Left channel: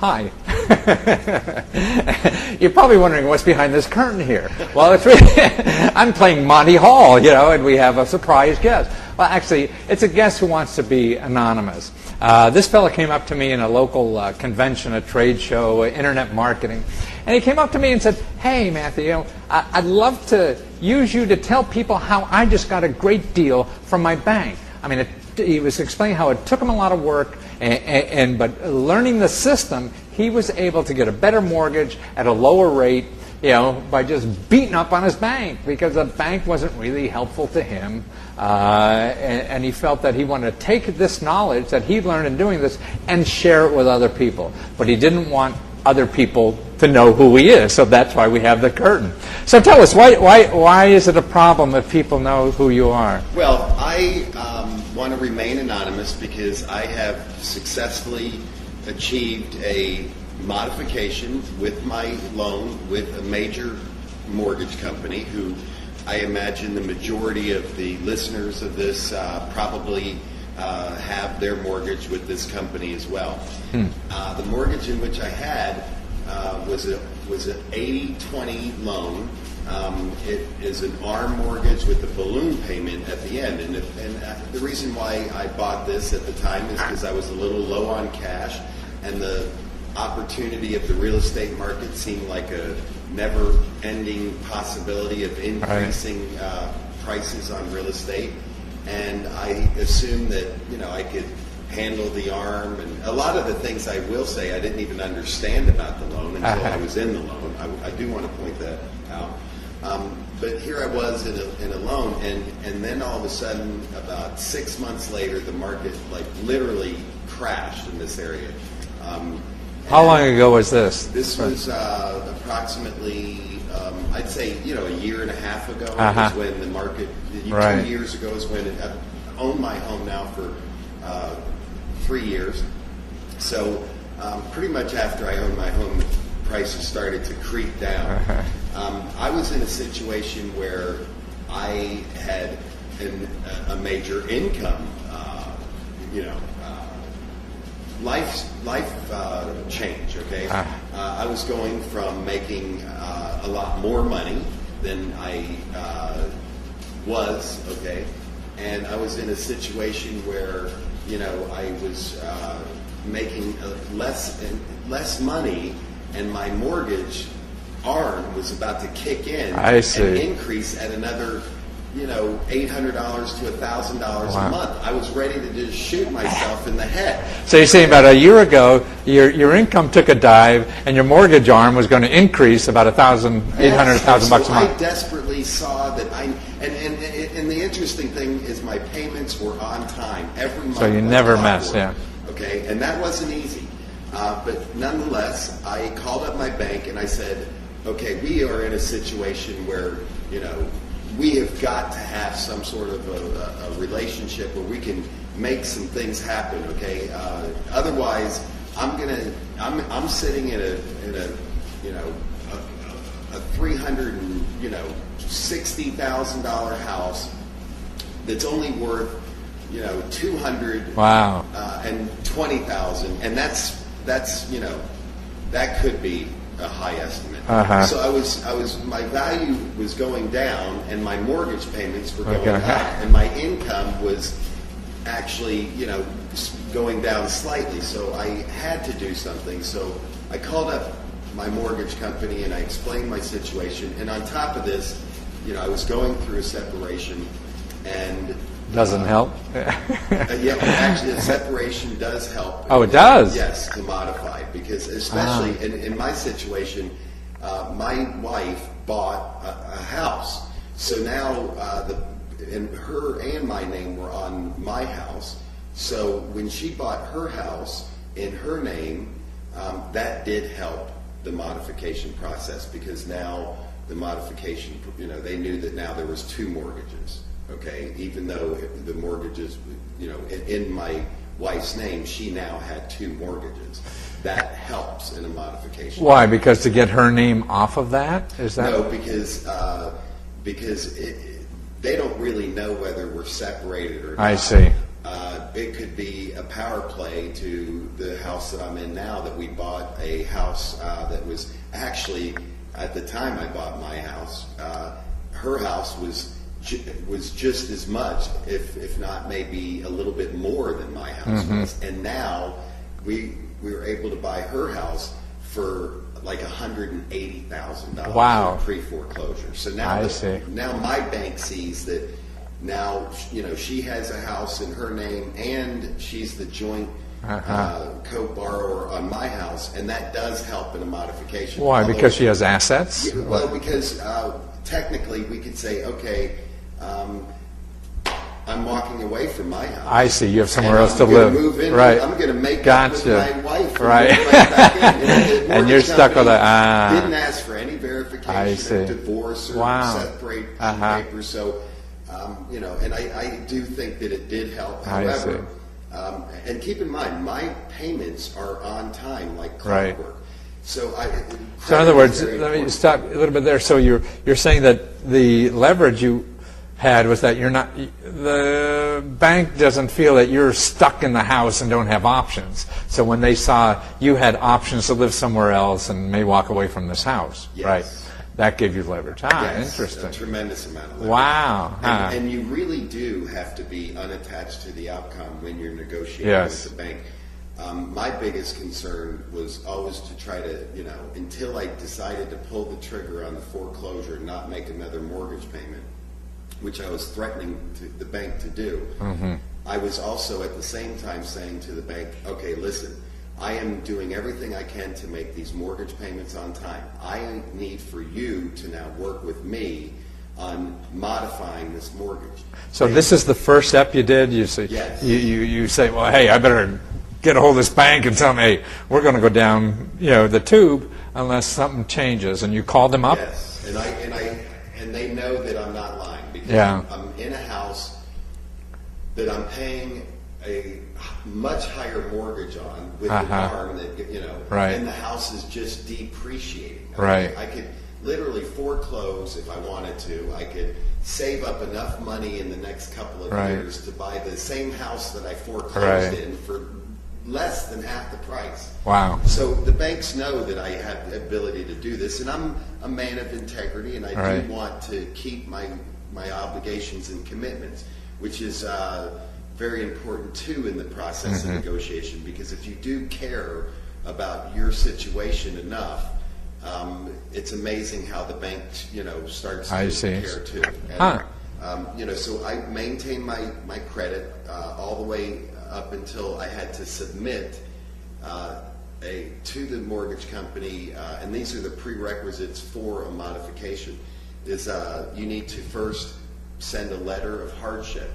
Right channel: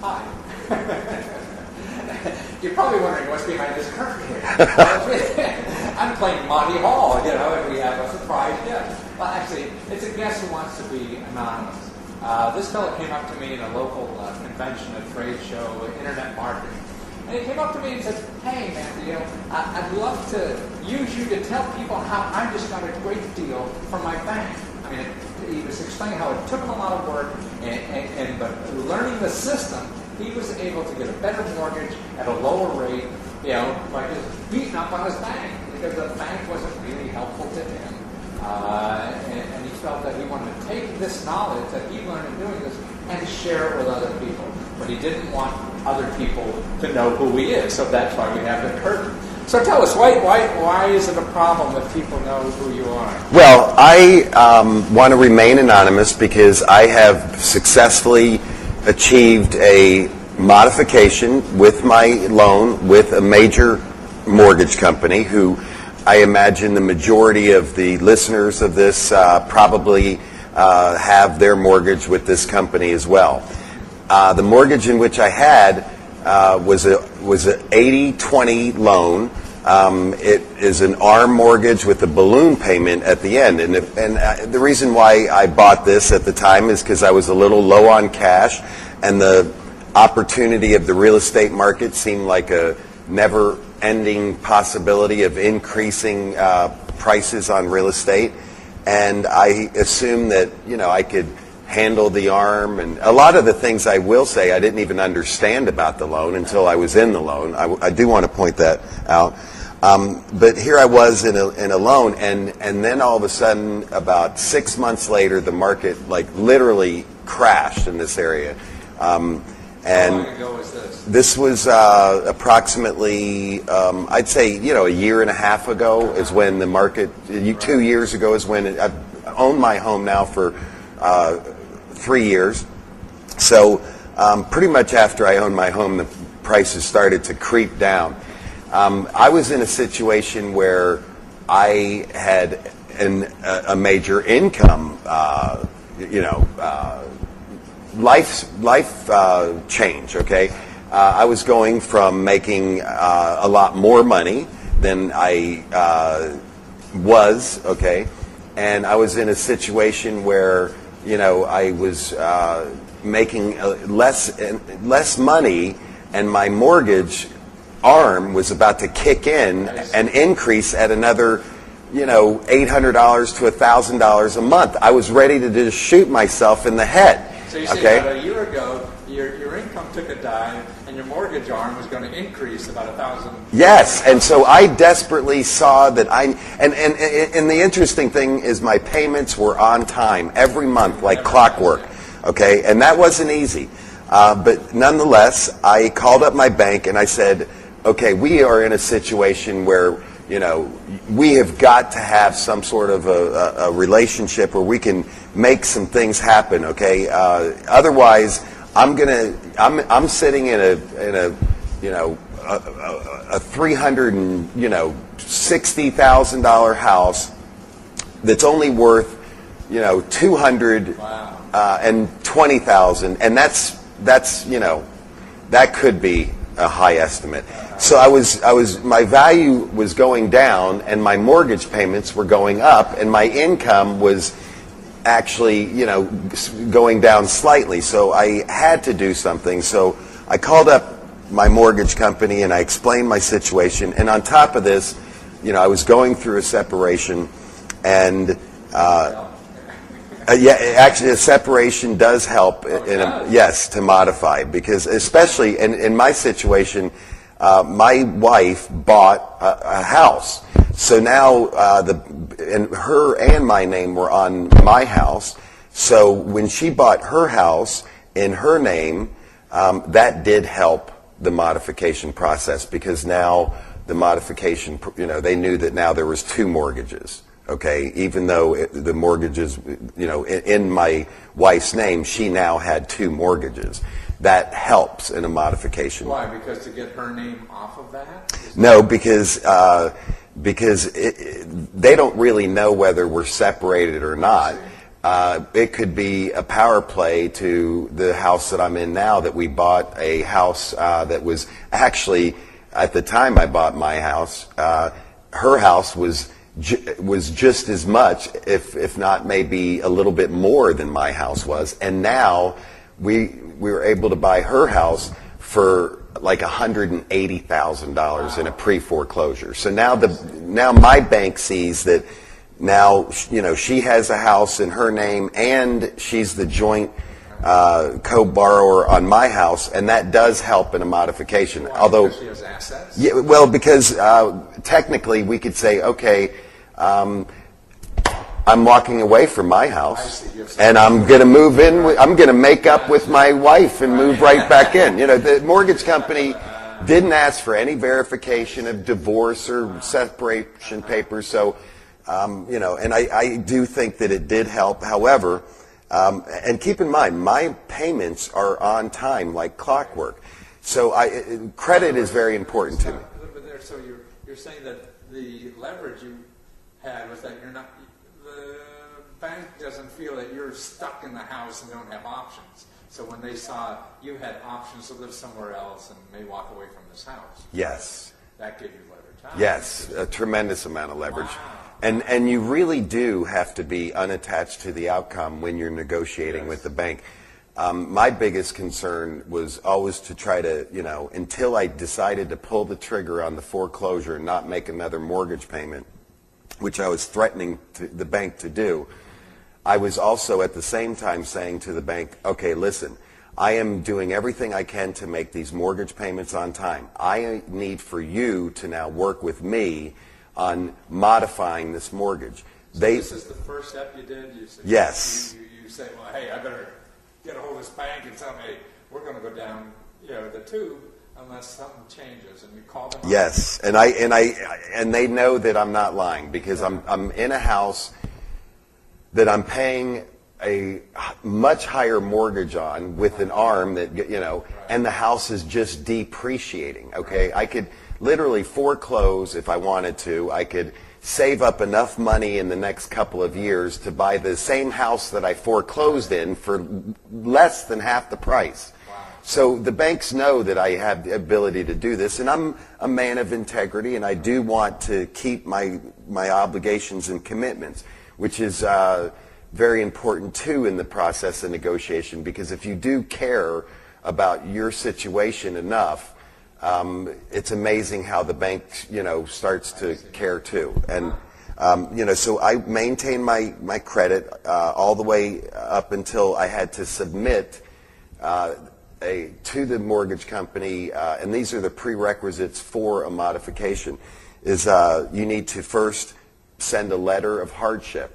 Hi. You're probably wondering what's behind this curtain here. Well, it's really, I'm playing Monty Hall, and we have a surprise guest. Well, actually, it's a guest who wants to be anonymous. This fellow came up to me in a local convention, a trade show, internet marketing, and he came up to me and said, "Hey, Matthew, I'd love to use you to tell people how I just got a great deal from my bank." I mean, he was explaining how it took him a lot of work, but learning the system, he was able to get a better mortgage at a lower rate, by just beating up on his bank, because the bank wasn't really helpful to him. And he felt that he wanted to take this knowledge that he learned in doing this and share it with other people. But he didn't want other people to know who he is, so that's why we have the curtain. So tell us, why is it a problem if people know who you are? Well, I want to remain anonymous because I have successfully achieved a modification with my loan with a major mortgage company who I imagine the majority of the listeners of this probably have their mortgage with this company as well. The mortgage in which I had was an 80-20 loan. It is an ARM mortgage with a balloon payment at the end. And the reason why I bought this at the time is because I was a little low on cash, and the opportunity of the real estate market seemed like a never-ending possibility of increasing prices on real estate. And I assumed that, I could handle the ARM, and a lot of the things I will say I didn't even understand about the loan until I was in the loan. I do want to point that out. But here I was in a loan, and then all of a sudden, about 6 months later, the market literally crashed in this area. How long ago was this? This was approximately, I'd say, a year and a half ago is when the market, 2 years ago is when I've owned my home now for 3 years. So pretty much after I owned my home, the prices started to creep down. I was in a situation where I had a major income, life change, okay? I was going from making a lot more money than I was, okay? And I was in a situation where, I was making less money, and my mortgage ARM was about to kick in and increase at another $800 to $1,000 a month. I was ready to just shoot myself in the head. So you're saying about a year ago, your income took a dive, and your mortgage arm was going to increase about $1,000. Yes, and so I desperately saw that and the interesting thing is my payments were on time every month, like clockwork. Okay, and that wasn't easy. But nonetheless, I called up my bank and I said, okay, we are in a situation where, we have got to have some sort of a relationship where we can make some things happen, okay? Otherwise, I'm sitting in a $360,000 house that's only worth $220,000, and that's that could be a high estimate. So my value was going down, and my mortgage payments were going up, and my income was actually, going down slightly. So I had to do something. So I called up my mortgage company and I explained my situation. And on top of this, I was going through a separation, and doesn't help. Actually, a separation does help. Oh, it does? Yes, to modify, because especially in my situation, my wife bought a house. So now her and my name were on my house. So when she bought her house in her name, that did help the modification process, because now the modification, they knew that now there was 2 mortgages. Okay, even though the mortgages, in my wife's name, she now had 2 mortgages. That helps in a modification. Why? Because to get her name off of that? Is that no, because they don't really know whether we're separated or not. I see. It could be a power play to the house that I'm in now, that we bought a house that was actually, at the time I bought my house, her house was just as much, if not maybe a little bit more than my house was. And now we were able to buy her house for like $180,000 in a pre-foreclosure. So now now my bank sees that now, she has a house in her name and she's the joint co-borrower on my house, and that does help in a modification. Why? Because she has assets? Yeah, well, because technically we could say, okay, I'm walking away from my house. I see. You have somewhere and else I'm to going to live. move in. Right. I'm going to make up with my wife and move right back in. The mortgage company didn't ask for any verification of divorce or separation papers. So, and I do think that it did help. However, and keep in mind, my payments are on time like clockwork. So credit is very important. Let me stop a little bit there. So you're saying that the leverage you had was that the bank doesn't feel that you're stuck in the house and don't have options. So when they saw you had options to live somewhere else and may walk away from this house, right? That gave you leverage. Yes, interesting. a tremendous amount of leverage. Wow. And you really do have to be unattached to the outcome when you're negotiating with the bank. My biggest concern was always to try to, until I decided to pull the trigger on the foreclosure and not make another mortgage payment, which I was threatening the bank to do, I was also at the same time saying to the bank, okay, listen, I am doing everything I can to make these mortgage payments on time. I need for you to now work with me on modifying this mortgage. So this is the first step you did? You say, yes. You say, well, hey, I better get a hold of this bank and tell them, hey, we're going to go down the tube unless something changes. And you called them up? Yes, and they know that I'm not lying, because I'm in a house that I'm paying a much higher mortgage on with an arm that, and the house is just depreciating. Okay? I could literally foreclose if I wanted to. I could save up enough money in the next couple of years to buy the same house that I foreclosed in for less than half the price. Wow. So the banks know that I have the ability to do this, and I'm a man of integrity, and I do want to keep my obligations and commitments, which is very important too in the process of negotiation, because if you do care about your situation enough, it's amazing how the bank, starts to care too. And so I maintained my credit all the way up until I had to submit to the mortgage company, and these are the prerequisites for a modification. Is you need to first send a letter of hardship.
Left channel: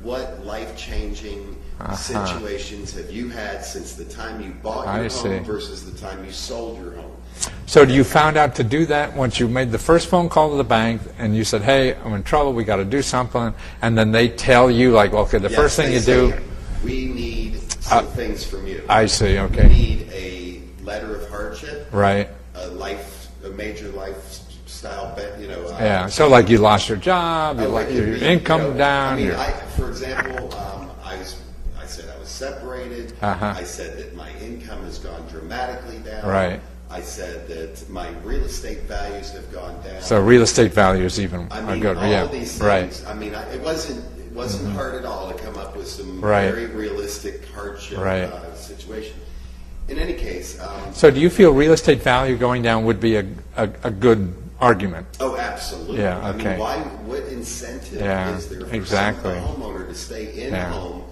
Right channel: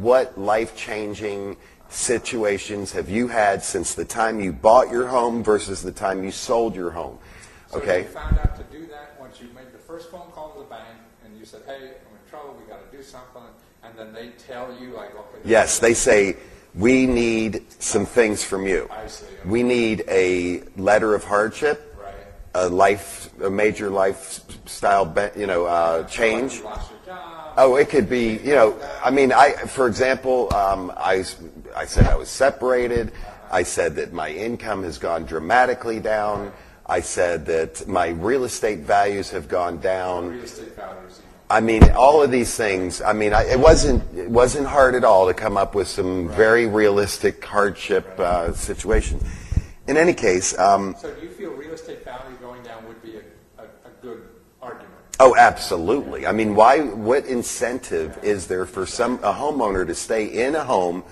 What life-changing situations have you had since the time you bought your home versus the time you sold your home? So you found out to do that once you made the first phone call to the bank and you said, hey, I'm in trouble, we got to do something, and then they tell you, like, okay, the first thing you do... we need some things from you. I see, okay. We need a letter of hardship, right? A major lifestyle, so like you lost your job. Oh, it could be income down. I mean, for example, I said I was separated. I said that my income has gone dramatically down. Right. I said that my real estate values have gone down. So real estate values even. I mean, all of these things. I mean, it wasn't hard at all to come up with some very realistic hardship situations. In any case, so do you feel real estate value going down would be a good argument? Oh, absolutely. I mean, what incentive is there for a homeowner to stay in a home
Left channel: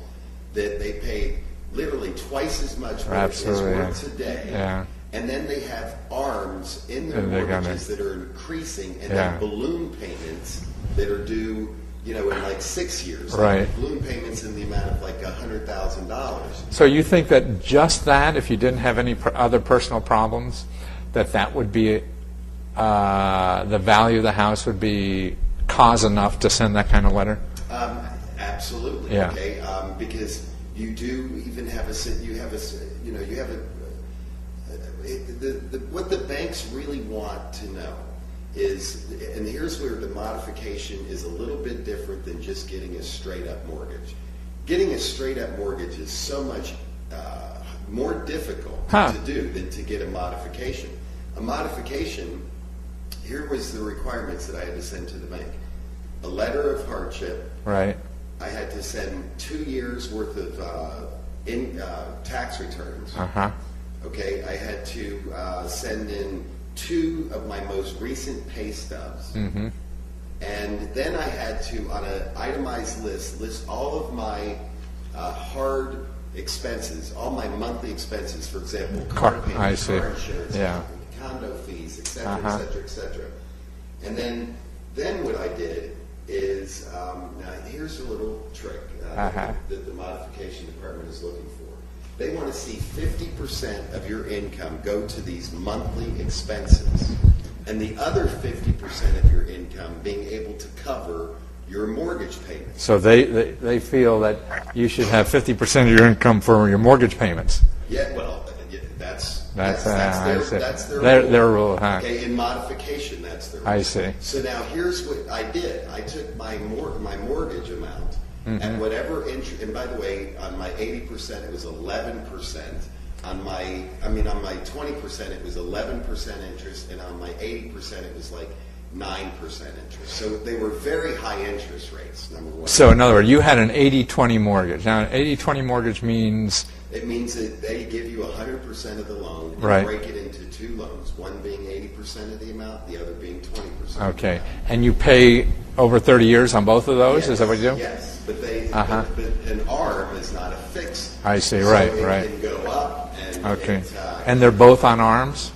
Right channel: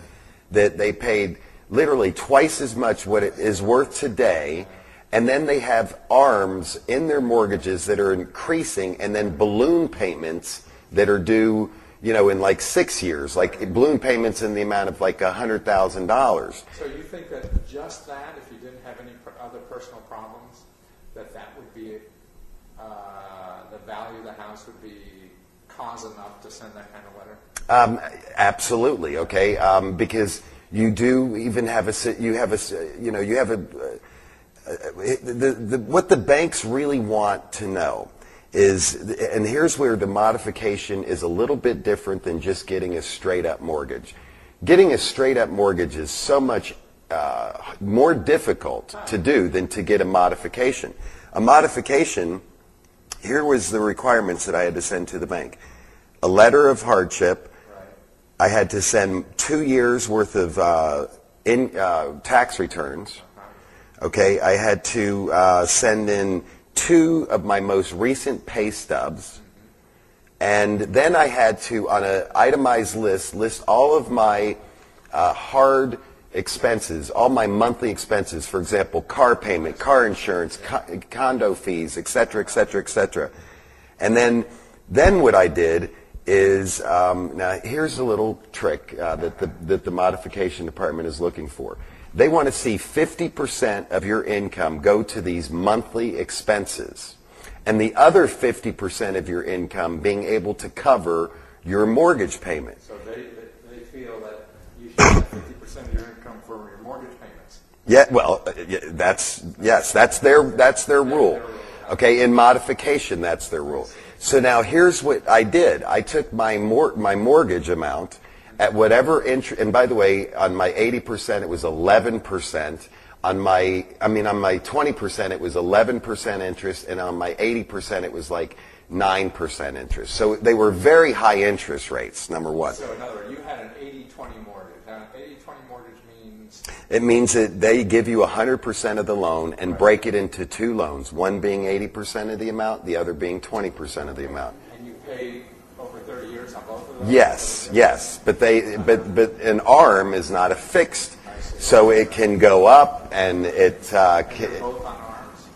that they paid literally twice as much what it is worth today? And then they have arms in their mortgages that are increasing, and then balloon payments that are due, in like 6 years, like balloon payments in the amount of like $100,000. So you think that just that, if you didn't have any other personal problems, that would be the value of the house would be cause enough to send that kind of letter? Absolutely. Okay, because you do even have what the banks really want to know is, and here's where the modification is a little bit different than just getting a straight up mortgage. getting a straight up mortgage is so much more difficult to do than to get a modification. A modification, here was the requirements that I had to send to the bank. A letter of hardship. Right. I had to send 2 years worth of tax returns. Okay, I had to send in 2 of my most recent pay stubs. And then I had to, on an itemized list all of my hard expenses, all my monthly expenses, for example, car payment, car insurance, condo fees, et cetera, et cetera, et cetera. And then what I did is, now here's a little trick that the modification department is looking for. They want to see 50% of your income go to these monthly expenses, and the other 50% of your income being able to cover your mortgage payments. So they feel that you should have 50% of your income for your mortgage payments. Yeah, well, that's their rule. Their rule. Okay, in modification, that's their rule. I see. So now here's what I did. I took my mortgage amount at whatever interest, and by the way, on my 80%, it was 11%. On my 20%, it was 11% interest, and on my 80%, it was like 9% interest. So they were very high interest rates, number one. So in other words, you had an 80-20 mortgage. Now, an 80-20 mortgage means? It means that they give you 100% of the loan and break it into 2 loans, one being 80% of the amount, the other being 20% of the amount. And you pay over 30 years on both of those? Yes, is that what you do? yes. But but an ARM is not a fixed. I see, so it can go up, and and they're both on ARMs?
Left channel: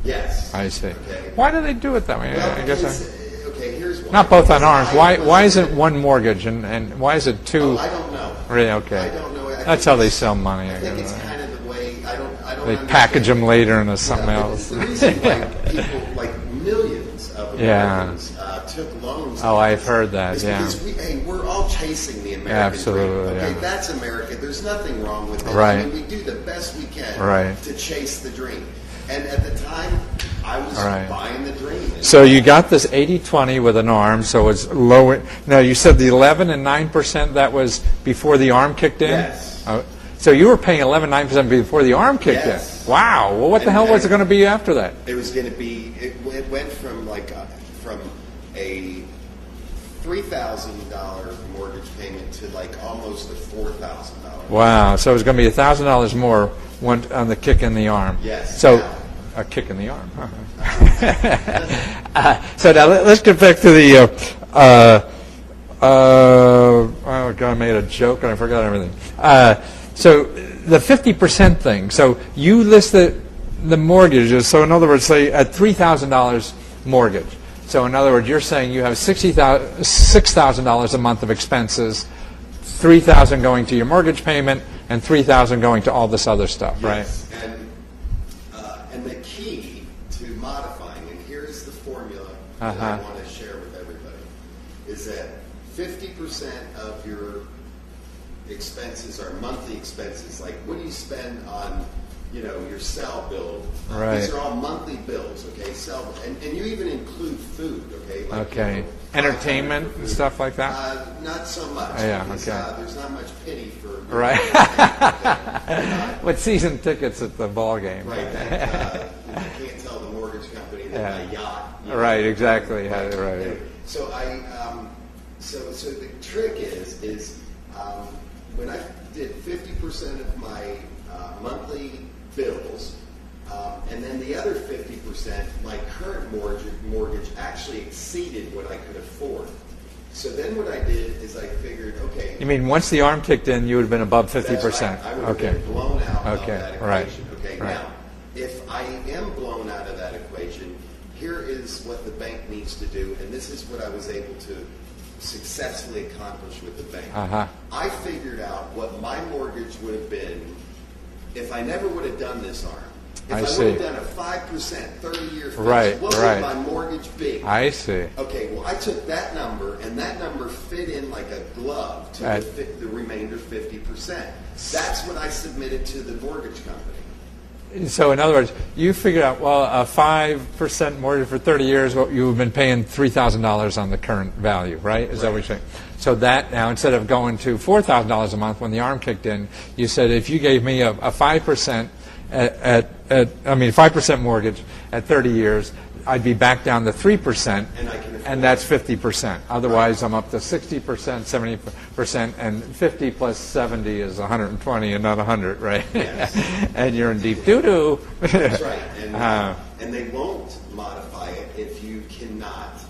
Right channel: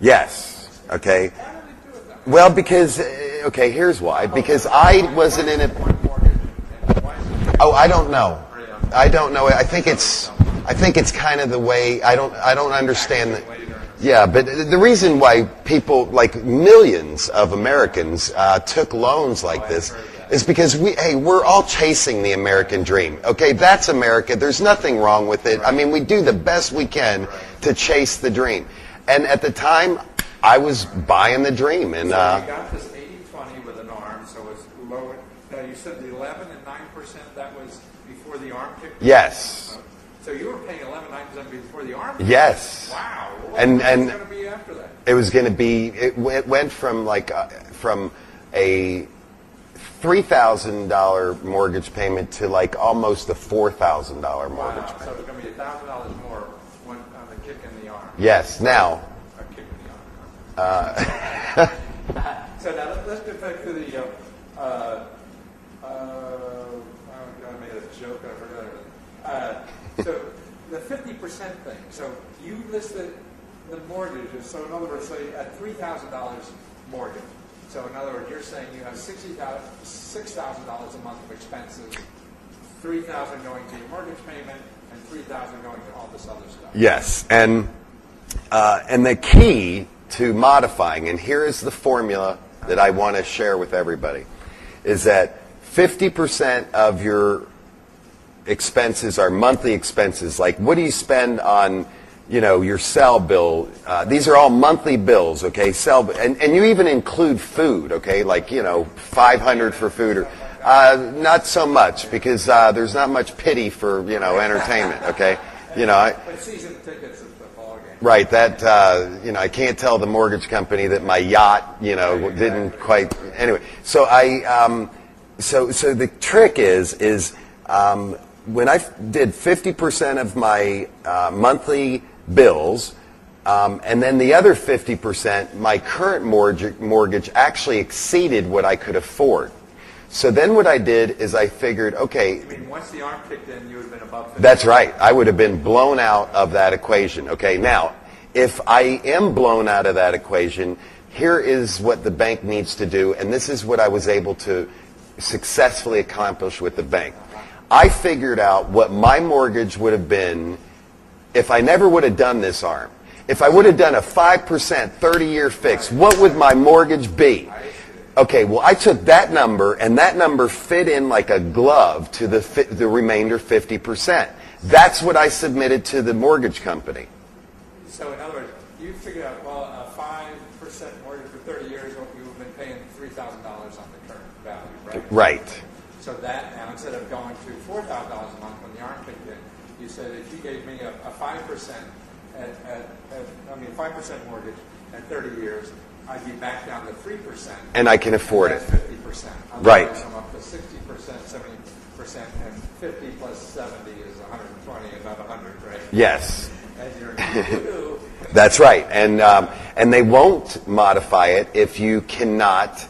Yes. I see. Okay. Why do they do it that way? Well, because, okay, here's why. Not both because on ARMs. Why is it one mortgage and why is it 2? Oh, I don't know. Really? Okay. I don't know. I That's think how they sell money. I think it's kind of the way, I don't understand. Package them later in a but the reason why people, like millions of Americans, took loans like this I've heard that, is because we're all chasing the American dream. Okay, that's America. There's nothing wrong with it. I mean, we do the best we can to chase the dream. And at the time, I was buying the dream. And, so you got this 80-20 with an ARM, so it's low. Now, you said the 11 and 9%, that was before the ARM kicked in? Yes. So you were paying 11-9% before the ARM kicked in? Wow. Well, what the hell was it going to be after that? It was going to be, it went from like from a $3,000 mortgage payment to like almost a $4,000. Wow. So it was going to be $1,000 more went on the kick in the arm. Yes. So, now. A kick in the arm. So now let's get back to the. Oh God, I made a joke and I forgot everything. So the 50% thing. So you list the mortgages. So in other words, say at $3,000 mortgage. So in other words, you're saying you have $6,000 a month of expenses, $3,000 going to your mortgage payment, and $3,000 going to all this other stuff. Yes, right? And the key to modifying, and here is the formula that I want to share with everybody, is that 50% of your expenses are monthly expenses. Like, what do you spend on, your cell bill? These are all monthly bills, okay? And you even include food, okay? Like, $500 for food. Stuff like that? Not so much, because there's not much pity for, entertainment, okay? With season tickets at the ball game. Right, that, I can't tell the mortgage company that my yacht, didn't quite, anyway. So so the trick is when I did 50% of my monthly bills, and then the other 50%, my current mortgage actually exceeded what I could afford. So then what I did is I figured, okay. You mean once the arm kicked in, you would have been above 50%? That's right. I would have been blown out of that equation. Okay, now, if I am blown out of that equation, here is what the bank needs to do, and this is what I was able to successfully accomplish with the bank. I figured out what my mortgage would have been if I never would have done this arm. If I would have done a 5% 30-year fix, what would my mortgage be? I see. Okay, well, I took that number, and that number fit in like a glove to the remainder 50%. That's what I submitted to the mortgage company. So in other words, you figured out, well, a 5% mortgage for 30 years, well, you've been paying $3,000 on the current value, right? Is that what Right. you're saying? So that now, instead of going to $4,000 a month when the ARM kicked in, you said if you gave me a 5% 5% mortgage at 30 years, I'd be back down to 3%. And I can afford and that's it. 50%. Otherwise, I'm up to 60%, 70%, and 50 plus 70 is 120 and not 100, right? Yes. And you're in deep doo-doo. That's right. And they won't modify it if you cannot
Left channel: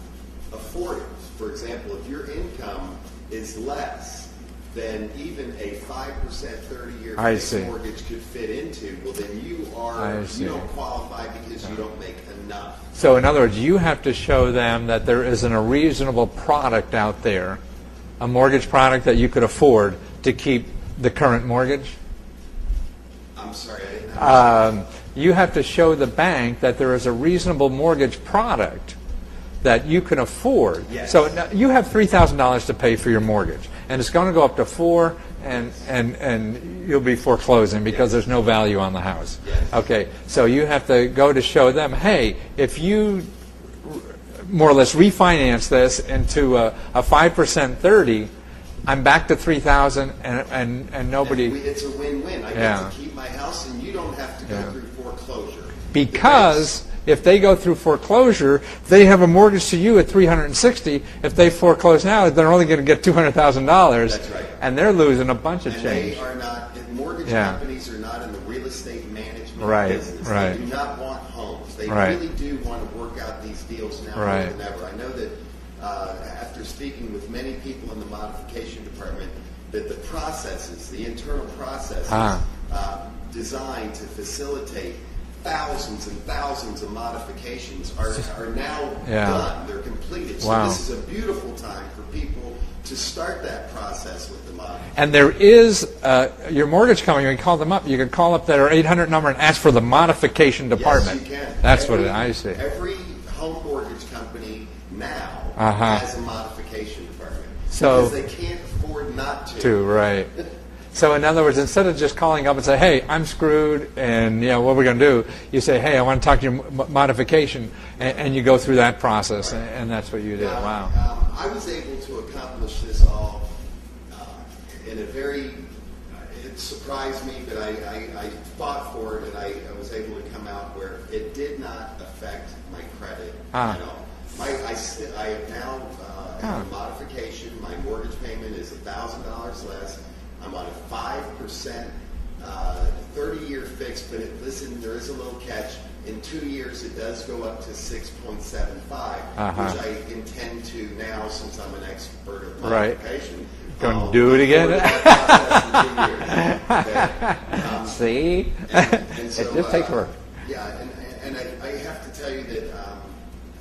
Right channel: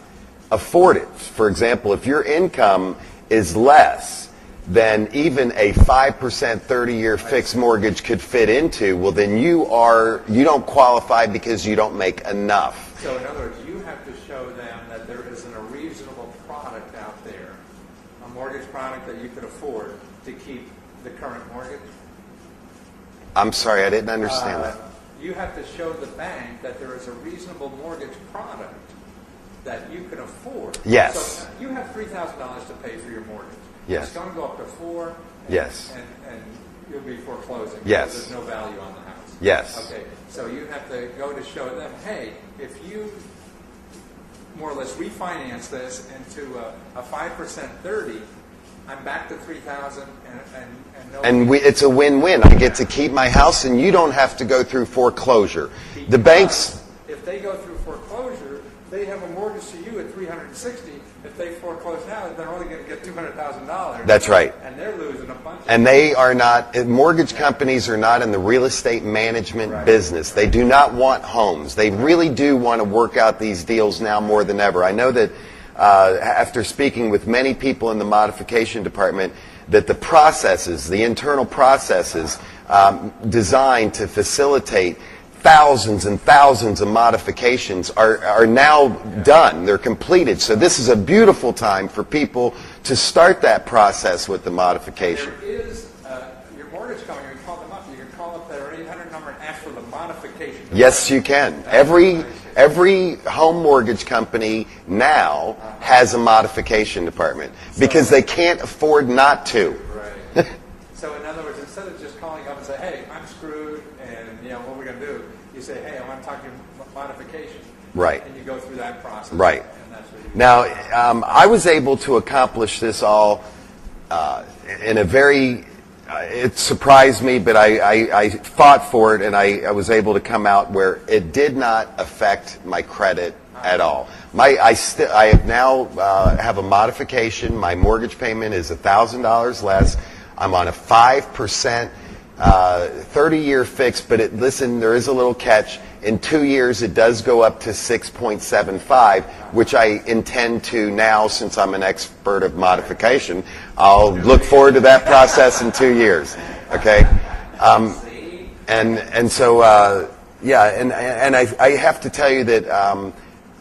afford it. For example, if your income is less than even a 5% 30-year fixed mortgage could fit into, well, then you don't qualify because you don't make enough. So in other words, you have to show them that there isn't a reasonable product out there, a mortgage product that you could afford to keep the current mortgage. I'm sorry, I didn't understand. You have to show the bank that there is a reasonable mortgage product that you can afford. Yes. So now you have $3,000 to pay for your mortgage, and Yes. it's going to go up to 4, and, Yes. and you'll be foreclosing because Yes. there's no value on the house. Yes. Okay, so you have to go to show them, hey, if you more or less refinance this into a 5% 30, I'm back to 3,000, and nobody. And it's a win-win. I Yeah. get to keep my house, and you don't have to go through foreclosure. Because The banks, if they go through foreclosure, they have a mortgage to you at $360. If they foreclose now, they're only going to get $200,000. That's right. And they're losing a bunch of. and change. they are not, mortgage Yeah. companies are not in the real estate management Right, business. They right. do not want homes. They Right. really do want to work out these deals now more Right. than ever. I know that after speaking with many people in the modification department, that the processes, the internal processes designed to facilitate thousands and thousands of modifications are now Yeah. done. They're completed. So Wow. this is a beautiful time for people to start that process with the modification. And there is your mortgage company. You can call them up. You can call up their 800 number and ask for the modification department. Yes, you can. That's what I see. Every home mortgage company now has a modification department because So- they can't afford not to. Right. So in other words, instead of just calling up and say, "Hey, I'm screwed," and what are we going to do? You say, "Hey, I want to talk to your modification," Right. and you go through that process. Right. And that's what you do. Now, Wow. I was able to accomplish this all in a very, it surprised me, but I fought for it, and I was able to come out where it did not affect my credit at all. I have now have a modification. My mortgage payment is $1,000 less. I'm on a 5% 30-year fix, but listen, there is a little catch. In 2 years, it does go up to 6.75, which I intend to now, since I'm an expert of modification, I'll Do it look again. forward to that process in 2 years. Okay. See? And so yeah, and I have to tell you that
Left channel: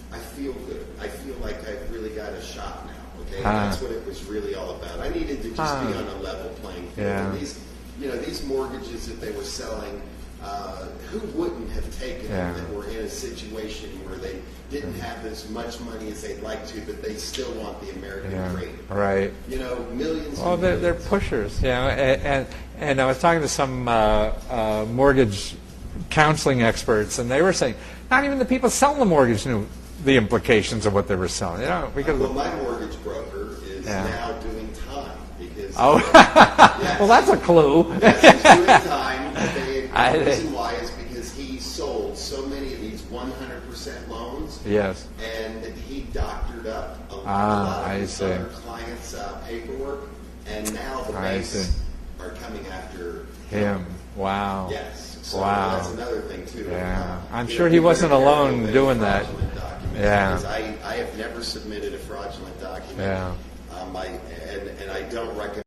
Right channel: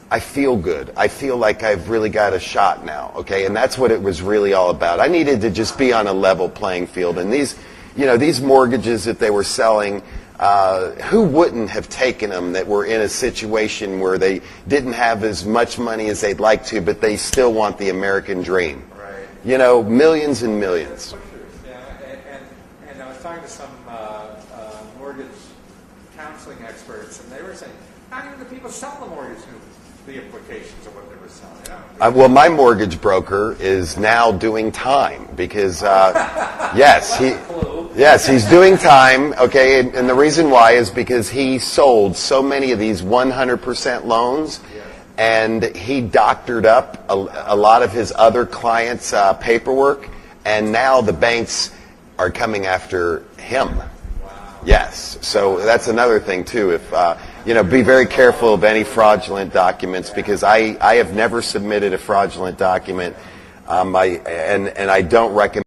I feel good. I feel like I've really got a shot now. Okay, and that's what it was really all about. I needed to just be on a level playing field, and these mortgages that they were selling. Who wouldn't have taken them that were in a situation where they didn't have as much money as they'd like to, but they still want the American dream? Right. Millions and They're millions. pushers. And I was talking to some mortgage counseling experts, and they were saying not even the people selling the mortgage knew the implications of what they were selling. Well, my mortgage broker is now doing time because, yes, Well, that's a clue. Yes, he's doing time. Okay, and the reason why is because he sold so many of these 100% loans. Yes. And he doctored up a lot of his other clients' paperwork, and now the banks are coming after him. Yeah. Wow. Yes, so that's another thing too. If I'm sure be he very wasn't careful alone of any doing fraudulent documents Yeah. because I have never submitted a fraudulent document. Yeah. And I don't recommend.